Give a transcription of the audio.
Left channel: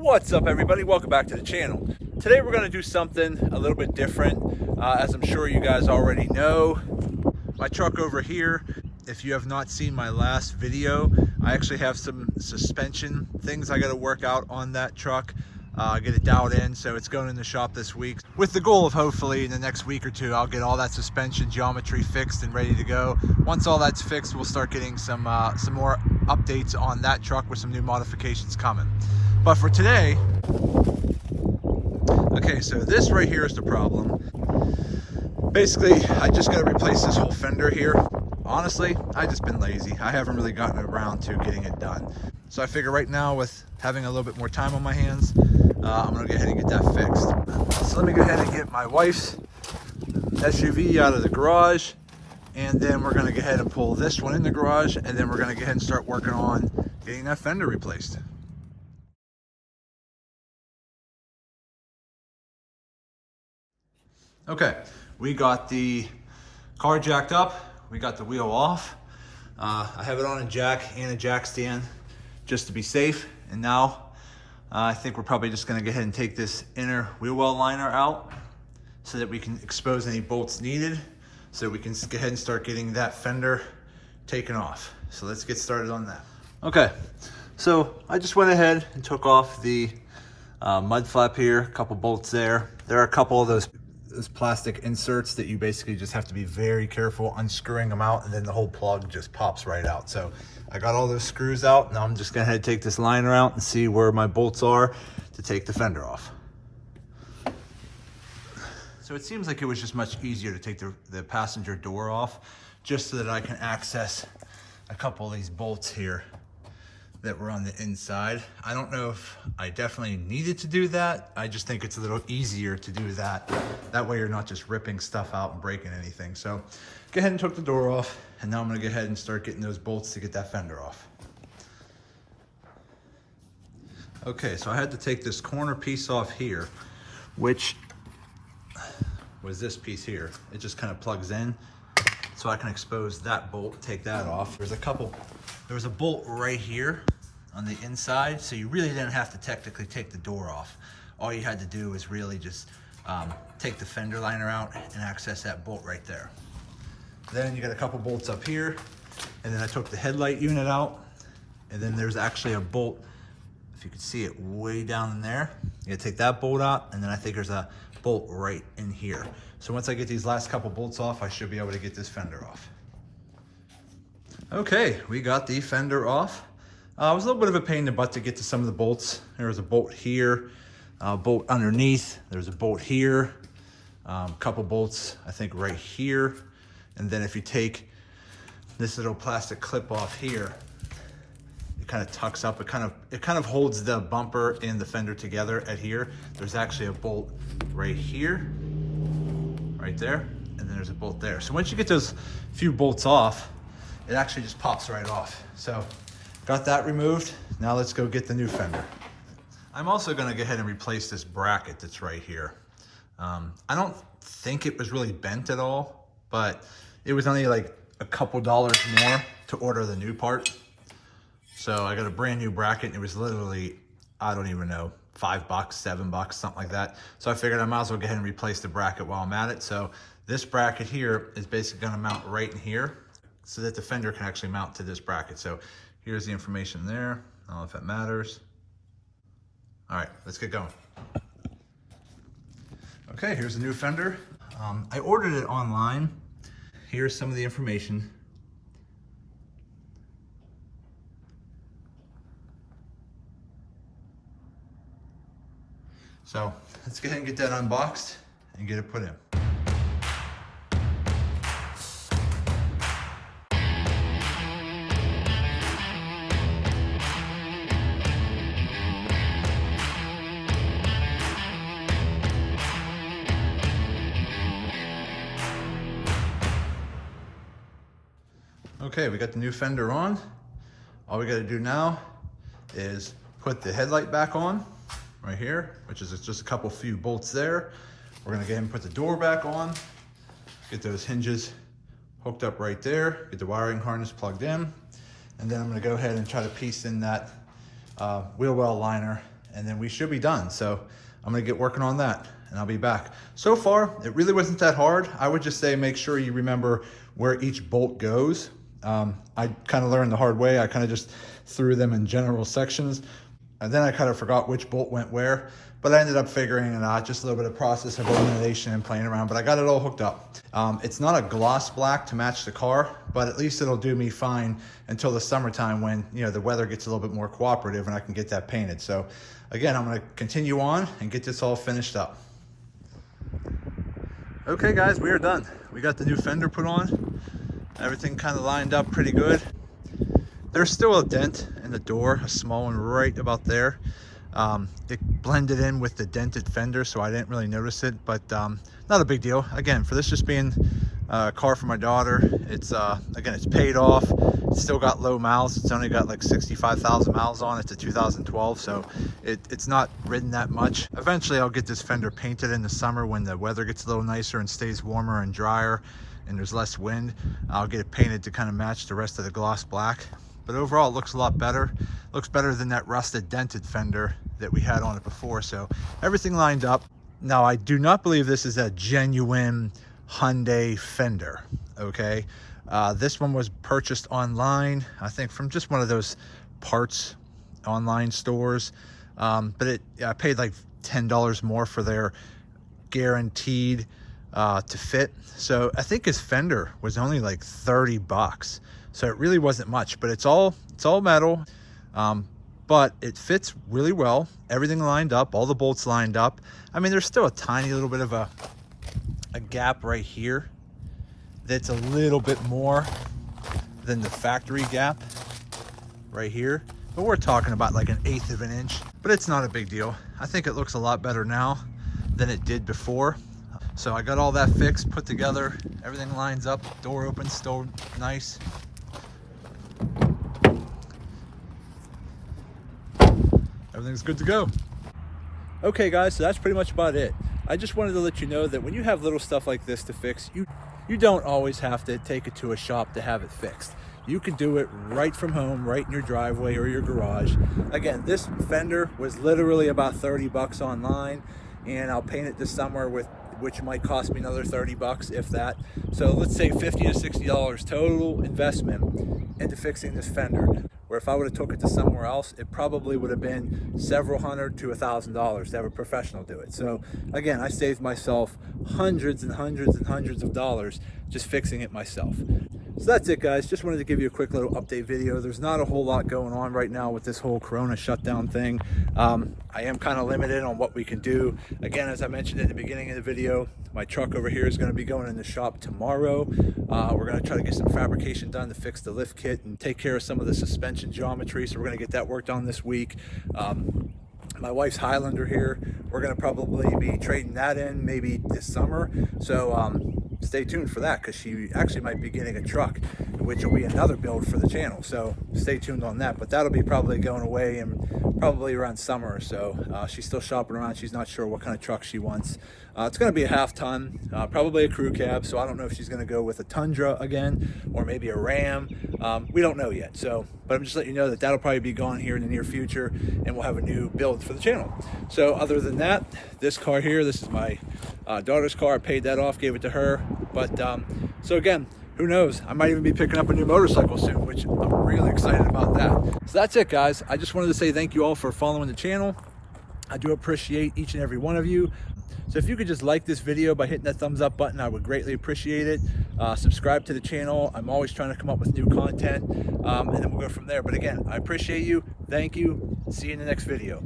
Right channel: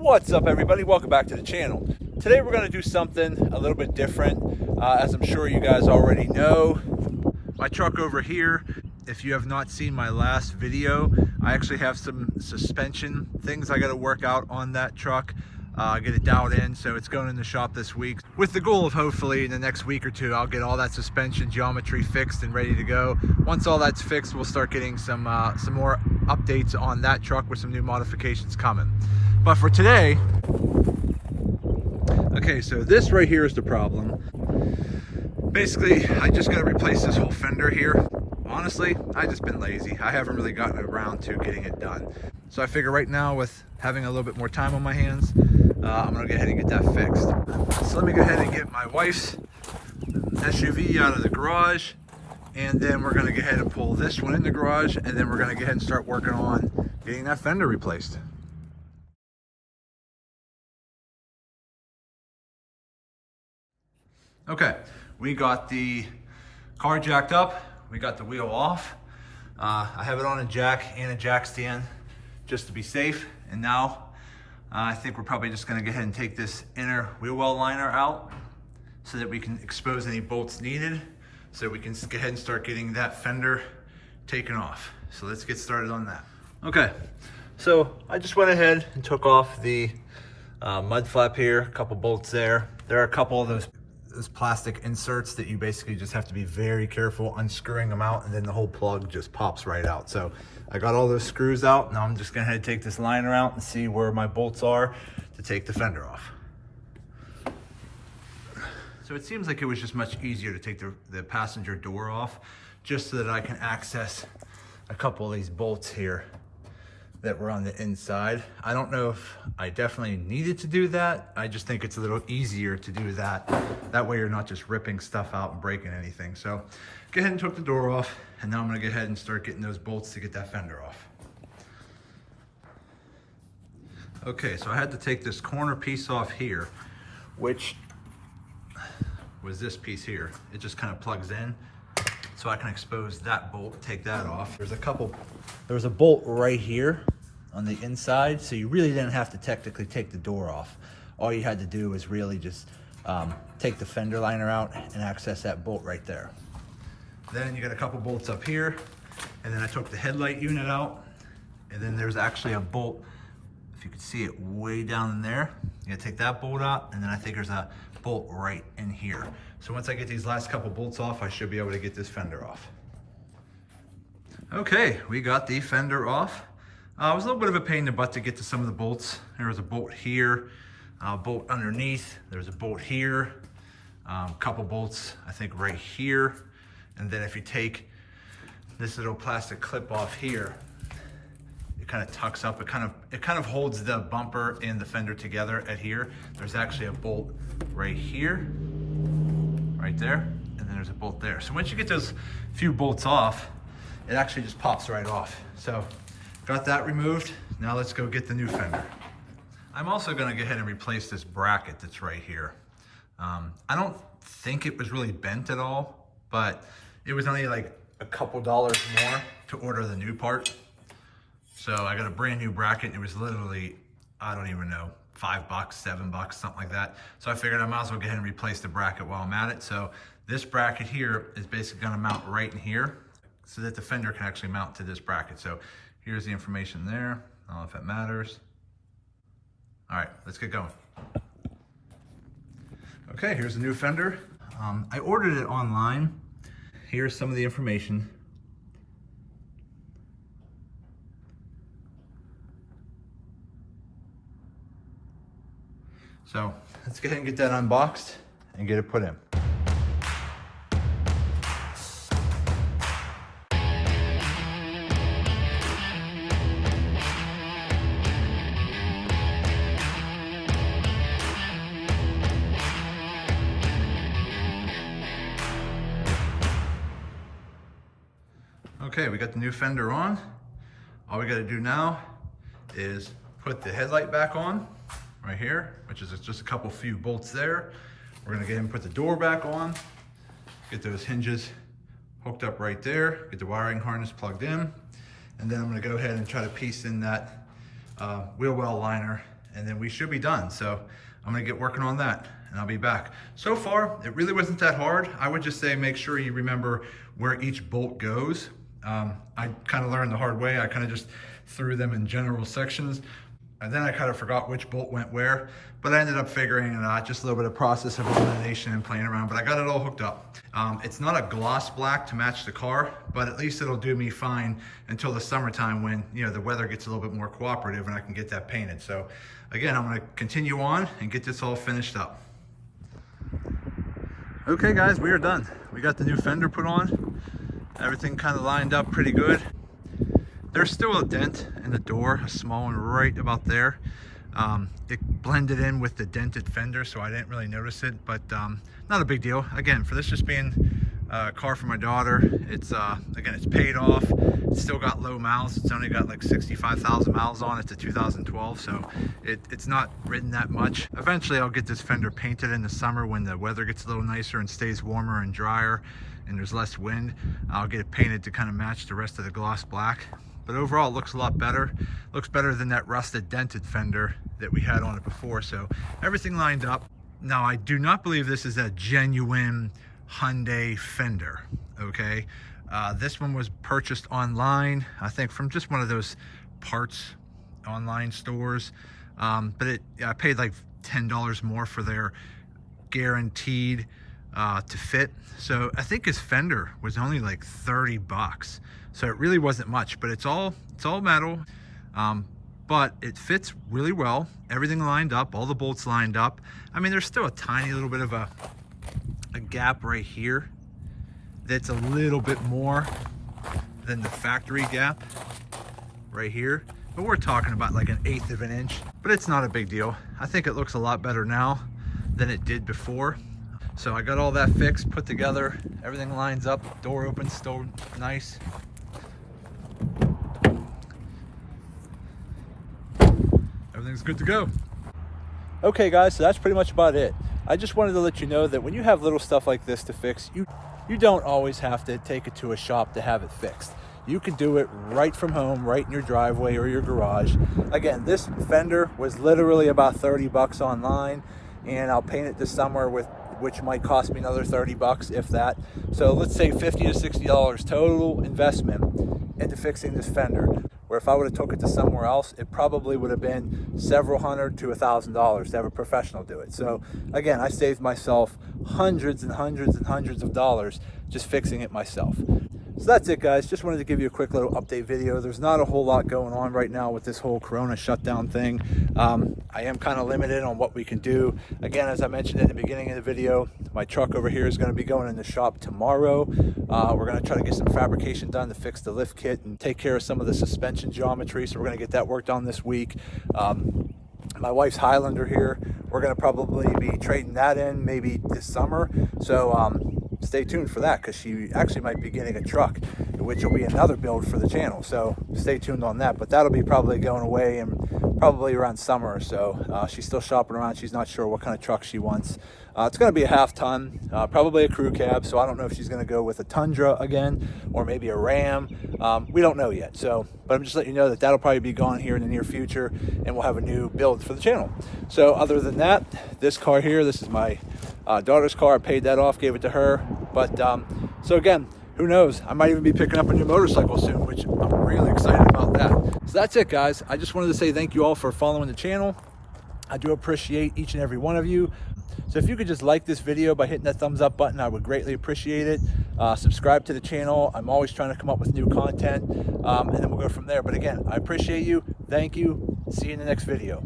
What's up, everybody? Welcome back to the channel. Today we're going to do something a little bit different. As I'm sure you guys already know, my truck over here, if you have not seen my last video, I actually have some suspension things I got to work out on that truck, get it dialed in, so it's going in the shop this week with the goal of hopefully in the next week or two I'll get all that suspension geometry fixed and ready to go. Once all that's fixed, we'll start getting some more updates on that truck with some new modifications coming. But for today, okay, so this right here is the problem. Basically, I just got to replace this whole fender here. Honestly, I've just been lazy. I haven't really gotten around to getting it done. So I figure right now, with having a little bit more time on my hands, I'm gonna go ahead and get that fixed. So let me go ahead and get my wife's SUV out of the garage, and then we're gonna go ahead and pull this one in the garage, and then we're gonna go ahead and start working on getting that fender replaced. Okay, we got the car jacked up, we got the wheel off. I have it on a jack and a jack stand just to be safe. And now I think we're probably just gonna go ahead and take this inner wheel well liner out so that we can expose any bolts needed, so we can go ahead and start getting that fender taken off. So let's get started on that. Okay, so I just went ahead and took off the mud flap here, a couple bolts there. There are a couple of those plastic inserts that you basically just have to be very careful unscrewing them out, and then the whole plug just pops right out. So I got all those screws out. Now I'm just gonna head take this liner out and see where my bolts are to take the fender off. So it seems like it was just much easier to take the passenger door off, just so that I can access a couple of these bolts here that were on the inside. I don't know if I definitely needed to do that. I just think it's a little easier to do that. That way you're not just ripping stuff out and breaking anything. So go ahead and took the door off, and now I'm gonna go ahead and start getting those bolts to get that fender off. Okay, so I had to take this corner piece off here, which was this piece here. It just kind of plugs in, so I can expose that bolt, take that off. There was a bolt right here on the inside, so you really didn't have to technically take the door off. All you had to do was really just take the fender liner out and access that bolt right there. Then you got a couple bolts up here, and then I took the headlight unit out, and then there's actually a bolt, if you can see it way down in there. You gotta take that bolt out, and then I think there's a bolt right in here. So once I get these last couple bolts off, I should be able to get this fender off. Okay, we got the fender off. It was a little bit of a pain in the butt to get to some of the bolts. There was a bolt here, a bolt underneath. There's a bolt here, a couple bolts, I think right here. And then if you take this little plastic clip off here, it kind of tucks up. It kind of holds the bumper and the fender together at here. There's actually a bolt right here, right there, and then there's a bolt there. So once you get those few bolts off, it actually just pops right off. So got that removed. Now let's go get the new fender. I'm also gonna go ahead and replace this bracket that's right here. I don't think it was really bent at all, but it was only like a couple dollars more to order the new part. So I got a brand new bracket, and it was literally, I don't even know, $5, $7, something like that. So I figured I might as well go ahead and replace the bracket while I'm at it. So this bracket here is basically gonna mount right in here, so that the fender can actually mount to this bracket. So here's the information there. I don't know if that matters. All right, let's get going. Okay, here's the new fender. I ordered it online. Here's some of the information. So let's go ahead and get that unboxed and get it put in. Okay, we got the new fender on. All we gotta do now is put the headlight back on right here, which is just a couple few bolts there. We're gonna go ahead and put the door back on, get those hinges hooked up right there, get the wiring harness plugged in, and then I'm gonna go ahead and try to piece in that wheel well liner and then we should be done. So I'm gonna get working on that and I'll be back. So far, it really wasn't that hard. I would just say make sure you remember where each bolt goes. I kind of learned the hard way. I kind of just threw them in general sections, and then I kind of forgot which bolt went where, but I ended up figuring it out, just a little bit of process of elimination and playing around, but I got it all hooked up. It's not a gloss black to match the car, but at least it'll do me fine until the summertime when, you know, the weather gets a little bit more cooperative and I can get that painted. So again, I'm gonna continue on and get this all finished up. Okay guys, we are done. We got the new fender put on. Everything kind of lined up pretty good. There's still a dent in the door, a small one right about there. It blended in with the dented fender, so I didn't really notice it, but not a big deal. Again, for this just being a car for my daughter, it's again, it's paid off. It's still got low miles. It's only got like 65,000 miles on it. It's a 2012, so it's not ridden that much. Eventually I'll get this fender painted in the summer when the weather gets a little nicer and stays warmer and drier and there's less wind. I'll get it painted to kind of match the rest of the gloss black. But overall, it looks a lot better. Looks better than that rusted dented fender that we had on it before. So everything lined up. Now, I do not believe this is a genuine Hyundai Fender, okay? This one was purchased online, I think from just one of those parts online stores. But I paid like $10 more for their guaranteed to fit. So I think his fender was only like 30 bucks. So it really wasn't much, but it's all metal. But it fits really well. Everything lined up, all the bolts lined up. I mean, there's still a tiny little bit of a gap right here that's a little bit more than the factory gap right here. But we're talking about like 1/8 of an inch, but it's not a big deal. I think it looks a lot better now than it did before. So I got all that fixed, put together, everything lines up, door opens, still nice. Everything's good to go. Okay guys, so that's pretty much about it. I just wanted to let you know that when you have little stuff like this to fix, you don't always have to take it to a shop to have it fixed. You can do it right from home, right in your driveway or your garage. Again, this fender was literally about 30 bucks online, and I'll paint it this summer which might cost me another 30 bucks, if that. So let's say $50 to $60 total investment into fixing this fender. Where if I would have took it to somewhere else, it probably would have been several hundred to $1,000 to have a professional do it. So again, I saved myself hundreds and hundreds and hundreds of dollars just fixing it myself. So that's it guys, just wanted to give you a quick little update video. There's not a whole lot going on right now with this whole Corona shutdown thing. I am kind of limited on what we can do. Again, as I mentioned in the beginning of the video, my truck over here is going to be going in the shop tomorrow. We're going to try to get some fabrication done to fix the lift kit and take care of some of the suspension geometry. So we're going to get that worked on this week. My wife's Highlander here, we're going to probably be trading that in maybe this summer. So stay tuned for that, because she actually might be getting a truck, which will be another build for the channel. So stay tuned on that, but that'll be probably going away in probably around summer or so. She's still shopping around. She's not sure what kind of truck she wants. It's going to be a 1/2 ton, probably a crew cab. So I don't know if she's going to go with a Tundra again, or maybe a Ram. We don't know yet. So, but I'm just letting you know that that'll probably be gone here in the near future, and we'll have a new build for the channel. So other than that, this car here, this is my daughter's car. I paid that off, gave it to her. But so again, who knows? I might even be picking up a new motorcycle soon, which I'm really excited about that. So that's it, guys. I just wanted to say thank you all for following the channel. I do appreciate each and every one of you. So if you could just like this video by hitting that thumbs up button, I would greatly appreciate it. Subscribe to the channel. I'm always trying to come up with new content, and then we'll go from there. But again, I appreciate you. Thank you. See you in the next video.